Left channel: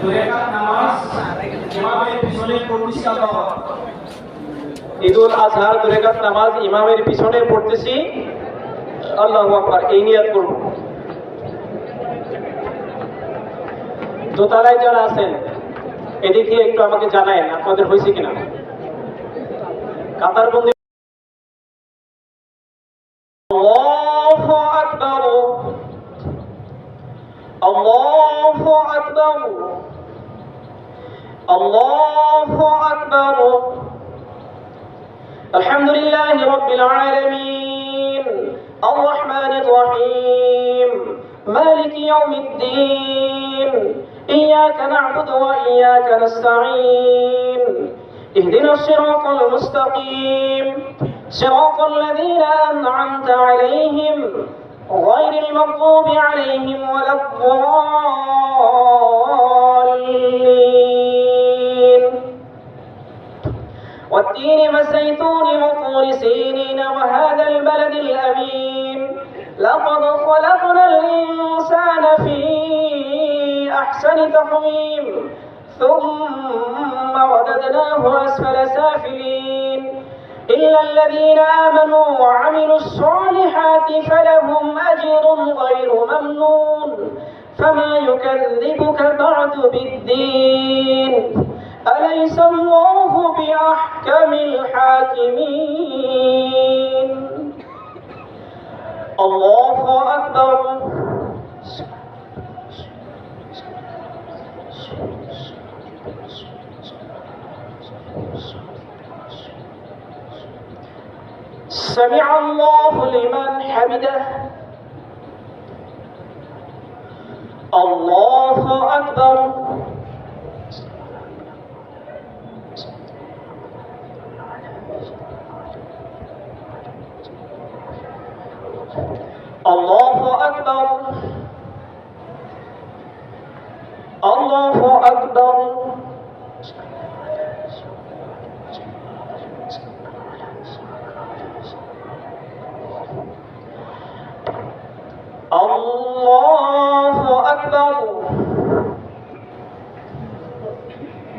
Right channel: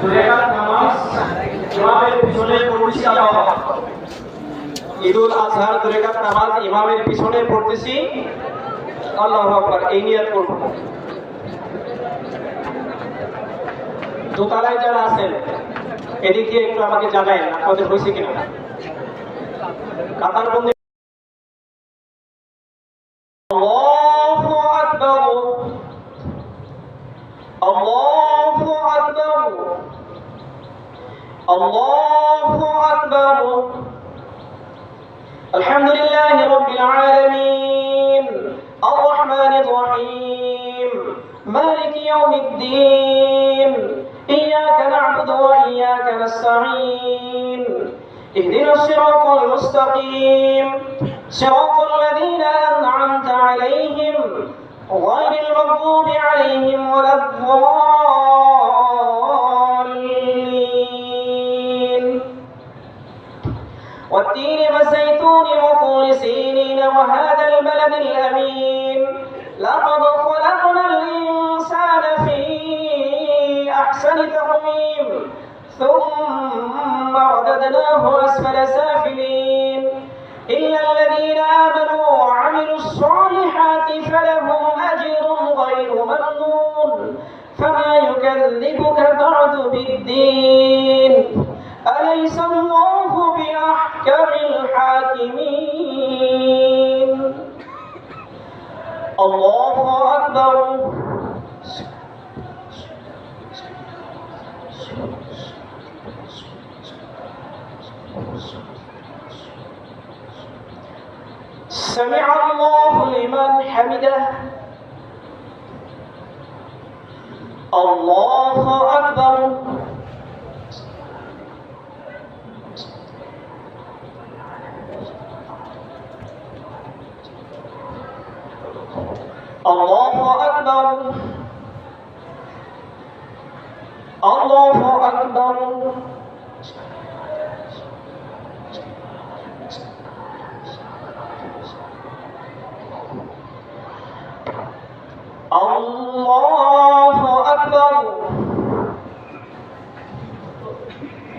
দুই রাকাত নামাজ ইমামের পিছনে পড়তেছি আল্লাহু আকবার। ঈদুল আজহার দুই রাকাত নামাজ ইমামের পিছনে পড়তেছি আল্লাহু আকবার, এই নিয়ত করব। দোতলায় যারা আছেন এদিকে একটু আমাকে জানায়েন আপনাদের হয়েছে কিনা। কাতারবন্দি আল্লাহু আকবার, আল্লাহু আকবার, আল্লাহু আকবার। আলহামদুলিল্লাহি রাব্বিল আলামিন আর রহমানির রহিম মালিকি ইয়াউমিদ্দিন ইয়্যাকা না'বুদু ওয়া ইয়্যাকা নাস্তাঈন اهدنا الصراط المستقيم صراط الذين أنعمت عليهم غير المغضوب عليهم ولا الضالين والتين والزيتون وطور سينين وهذا البلد الأمين لقد خلقنا الإنسان في أحسن تقويم ثم رددناه أسفل سافلين إلا الذين آمنوا وعملوا الصالحات فلهم أجر غير ممنون فما يكذبك بعد بالدين أليس الله بأحكم الحاكمين الله أكبر سمع الله لمن حمده الله أكبر الله أكبر الله أكبر الله أكبر.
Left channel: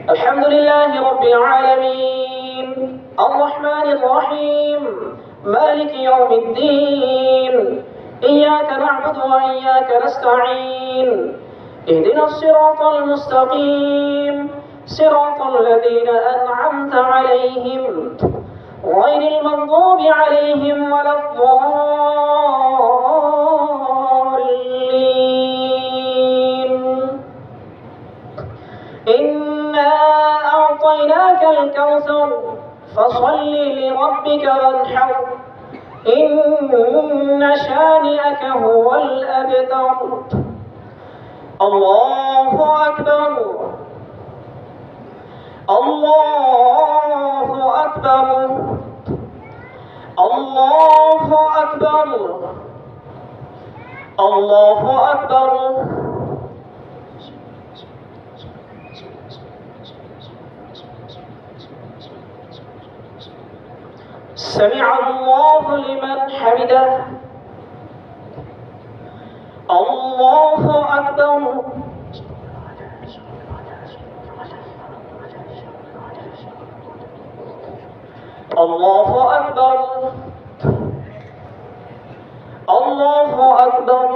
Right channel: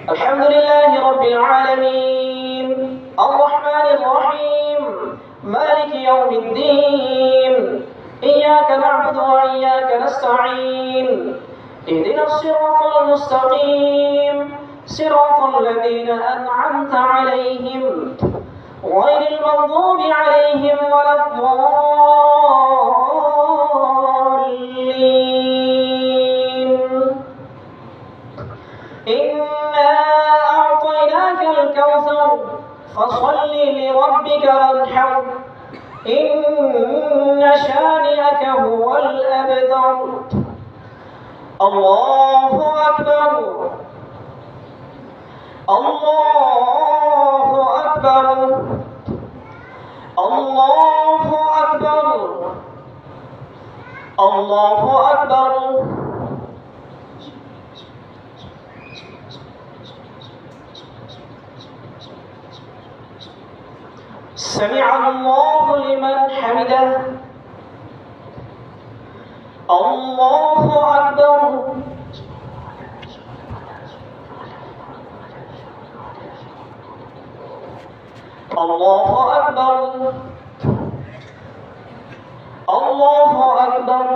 الحمد لله رب العالمين الرحمن الرحيم مالك يوم الدين إياك نعبد وإياك نستعين اهدنا الصراط المستقيم صراط الذين أنعمت عليهم غير المغضوب عليهم ولا الضالين. إنا أعطيناك الكوثر فصل لربك وانحر إن شانئك هو الأبتر. الله أكبر الله أكبر الله أكبر الله أكبر. سمع الله لمن حمده الله أكبر. الله أكبر الله أكبر.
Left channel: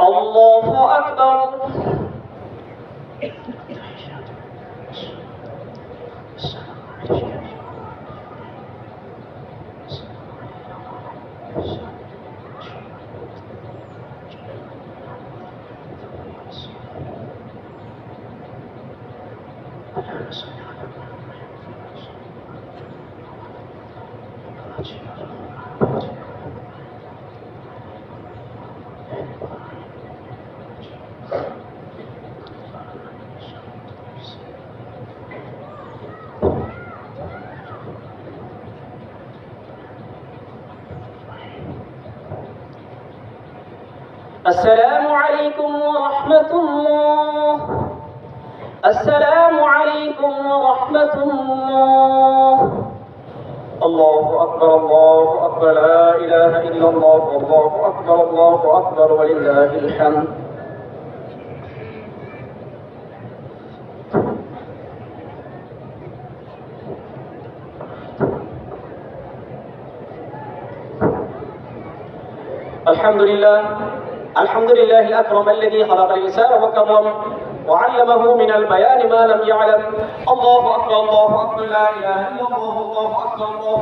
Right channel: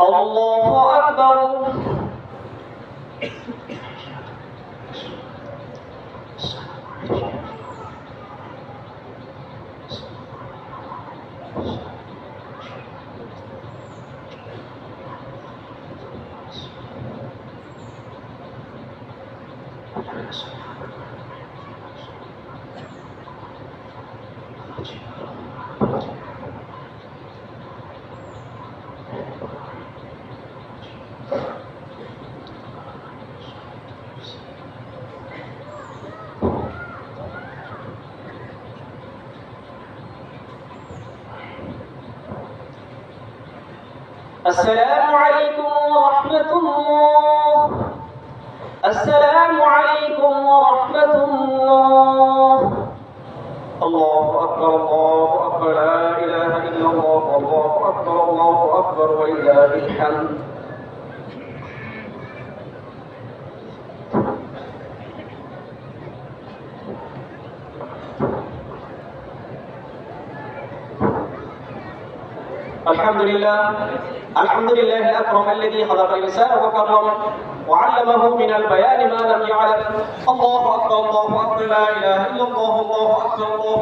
الله أكبر. السلام عليكم ورحمة الله. السلام عليكم ورحمة الله. الله أكبر الله أكبر. أكبر لا إله إلا الله والله أكبر ولله الحمد الحمد لله الأكرم الذي خلق الإنسان وكرم وعلمه من البيان ما لم يعلم. الله أكبر لا إله إلا الله الله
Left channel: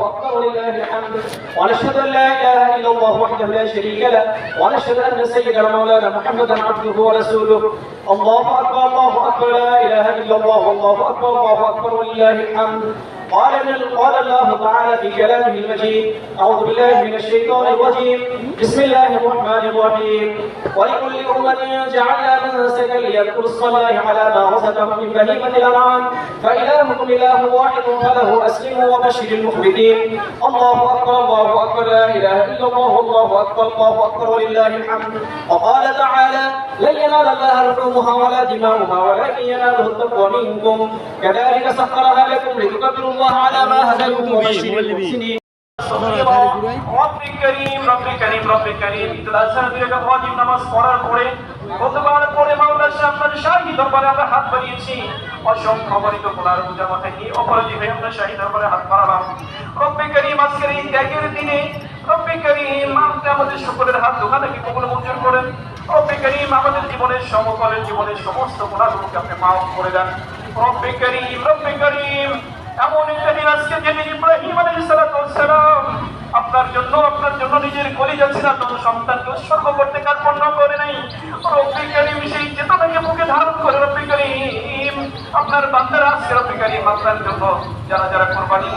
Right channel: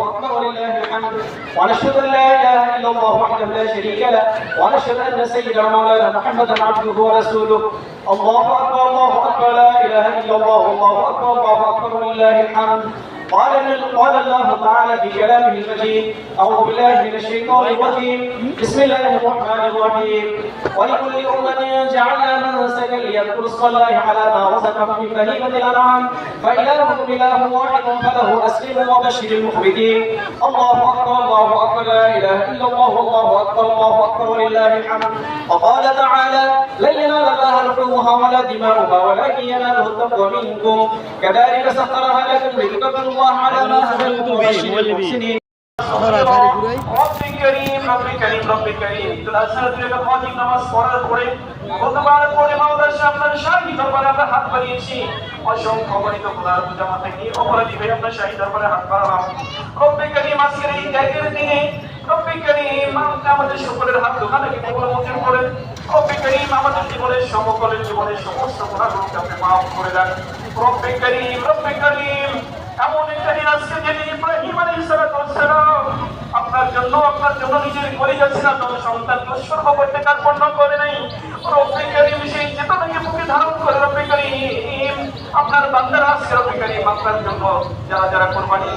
أكبر ولله الحمد. ونشهد أن لا إله إلا الله وحده لا شريك له ونشهد أن سيدنا مولانا محمدا عبده ورسوله. الله أكبر لا إله إلا الله الله أكبر ولله الحمد. قال الله تعالى في كلامه المجيد: أعوذ بالله من الشيطان الرجيم، بسم الله الرحمن الرحيم. ولكل أمة جعلنا منسكا ليذكروا اسم الله على ما رزقهم من بهيمة الأنعام فإلهكم إله واحد فله أسلموا وبشر المخبتين. الله أكبر لا إله إلا الله الله أكبر ولله الحمد. وقال تعالى: لن ينال الله لحومها ولا دماؤها ولكن يناله التقوى منكم كذلك سخرها لكم لتكبروا الله على ما هداكم وبشر المحسنين. رب كريم ওয়াজিব নামাজ পড়ার পরে কতবার পড়ে মাওলার সামনে শাহী দরবারে আমরা হাত বাড়িয়েছি। অসংখ্য অগণিত গুনার বোঝা মাথায় নিয়ে অপরাধী হয়ে আমরা শাহী দরবারে হাত বাড়ালাম। রব্বে করিম আজকের এই ত্যাগের দিনে রব্বে করিম আমাদের সকলের হাত দোকানে কবুল মঞ্জুর করেন। রব্বে করিম আমাদের জীবনের সমকালের জীবনের সমস্ত গুনাহগুলোকে আপনি মাফ করে দেন। রব্বে করিম এমন একটা দিন আজকে যেদিন ইব্রাহিম আলাইহিস সালাম আপনার জন্য নিজের পরিবার ছিলেন সন্তানকে উৎসর্গ করতে কার্পণ্য করে নেই। রব্বে করিম সেই চেতনাকে বুকে ধারণ করে রব্বে করিম আপনার বান্দারা আজকে রব্বে করিম আপনার জন্য যারা যারা কোরবানি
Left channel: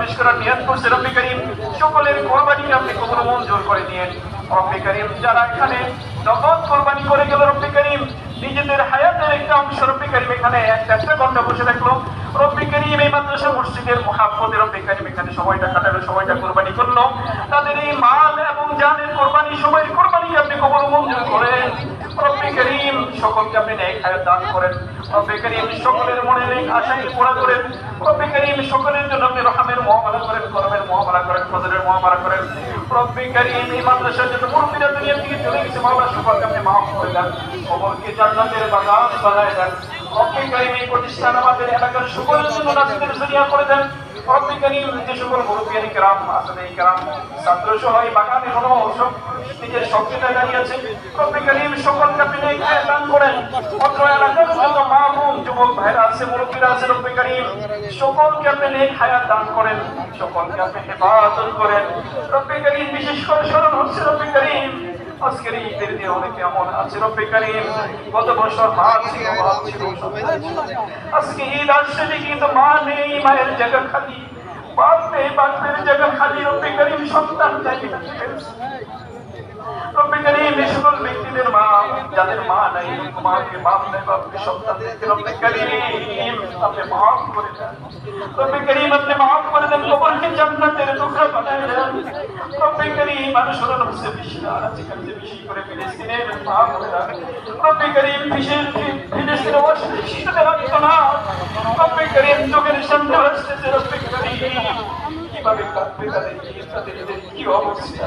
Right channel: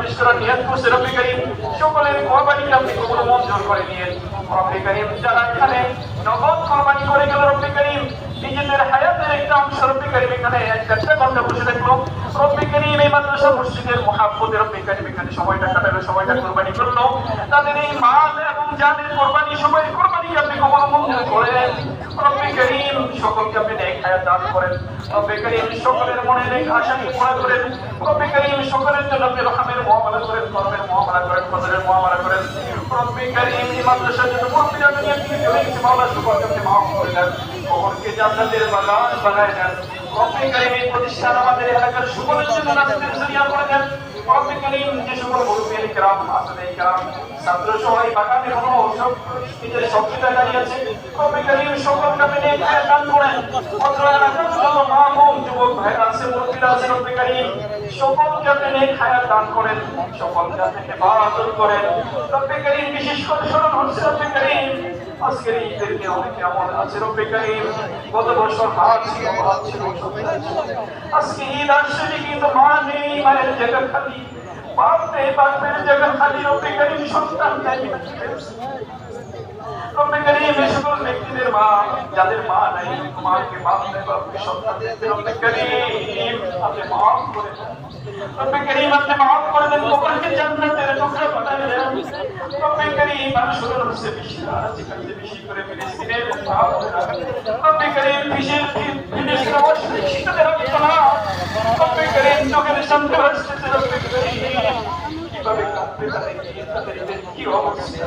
পেশ করার নিয়ত করছে রব্বে করিম সকলের কোরবানিকে আপনি কবুল মঞ্জুর করে নিয়ে রব্বে করিম যারা এখানে নগদ কোরবানি করে গেল রব্বে করিম নিজেদের হায়াতের একটা অংশ রব্বে করিম এখানে একটা ঘন্টা বসে থাকলো রব্বে করিম এই মাদ্রাসা মসজিদের মুহাব্বতে রব্বে করিম এখানে সময়টা কাটালো সময়টা কোরবানি করলো তাদের এই মাল এবং জানের কোরবানি সময়ের কোরবানি আপনি কবুল মঞ্জুর করেন। রব্বে করিম সকলকে আপনি নেক হায়াত দান করেন। রব্বে করিম সকলের মনে নেক আশাকে পুরা করেন। রব্বে করিম সকলের জন্য আপনি রহমের মুআমালা করেন, করমের মুআমালা করেন, ফজলের মুআমালা করেন। রব্বে করিম এই মাদ্রাসার জন্য মুর্শিদা দুনিয়া থেকে চলে গেছে মাওলানা সকলকে আপনি মাফ করে দেন, সকলকে জান্নাতের বাগান বানায় দেন। রব্বে করিম এই প্রতিষ্ঠান আমাদের এলাকার সকলের জন্য নাজাতের জরিয়া করে দেন। রব্বে করিম যে সকল মুরব্বিয়ান কিরাম আসলে কিরাম ছাত্র সবাই বাগানে হলো সব নিজের শক্তিটা দাঁড়িয়েছে রব্বে করিম সকলকে আপনি নেক হায়াত দান করেন। অত্র এলাকার যত মা বোন যুবক ভাইরা আছে মুরব্বিরা আছে রব্বে করিম সকলকে আপনি নেক হায়াত দান করেন, সকলকে আপনি হেফাজত করেন। রব্বে করিম বিশেষ করে স্মরণ হচ্ছে রব্বে করিম আজকের ঈদের দিন অনেকে এমন আছে রব্বে করিম গত বছর হাত ছিল আজকে ঈদ আসছে কিন্তু মা নেই, মায়ের জায়গা খালি, বাপ নেই, বাপের জায়গা খালি। রব্বে করিম সন্তান নাই রব্বে করিম এই সকল ব্যক্তিদের মা যাদের মা নাই মাকে বাপ দেখো আপনি সন্তান দিতে রব্বে করিম আপনি মাফ করে দেন। রব্বে করিম আপনি মাফ করে দেন, কবরকে জান্নাতের টুকরা বানায় দেন। রব্বে করিম মানুষের নফসে বেশি আছে কাছে বেশি করে ফিলিস্তিনের মাফ করে দেন। রব্বে করিম ফিলিস্তিনের অবস্থা শীতের রক্ত না রব্বে করিম চোখের সামনে আসতেছে রব্বে করিম কিভাবে কাঁদতে তাদের কি অবস্থা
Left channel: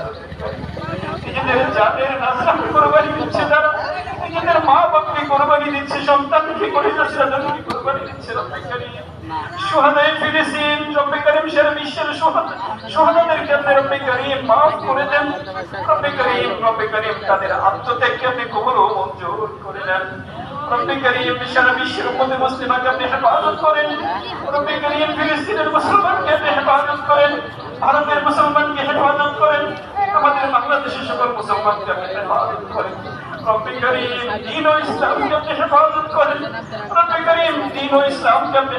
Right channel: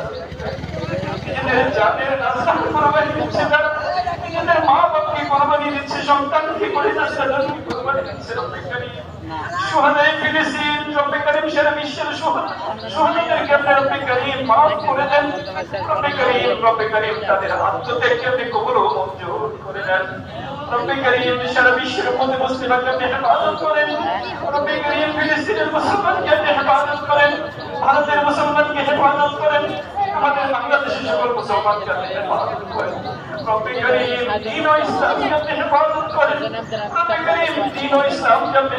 নিজেদের জানের নাজরাত কোরবানি দিচ্ছে, তারা নিজেদের মা বাপকে কোরবানি দিচ্ছে, সন্তানকে কোরবানি দিচ্ছে। রব্বে করিম সুহাদায়ে ফিলিস্তিন রব্বে করিম সারা বিশ্বের সুহাদাদেরকে আপনি রব্বে করিম মাফ করে দেন। রব্বে করিম তাদের আত্মত্যাগকে আপনি কবুল ও মঞ্জুর করে নেন। রব্বে করিম সারা বিশ্বের মধ্যে মুসলিমকে আপনি হেফাজত করেন। রব্বে করিম ফিলিস্তিনের মুসলমানকে আপনি হেফাজত করেন, ভারতের মুসলমানকে হেফাজত করেন, আমাদের বাংলাদেশের সকল মুসলমানকে আপনি হেফাজত করেন। রব্বে করিম দ্বীন ও ইসলামকে আপনি হেফাজত করেন। রব্বে করিম দ্বীন ও ইসলামকে আপনি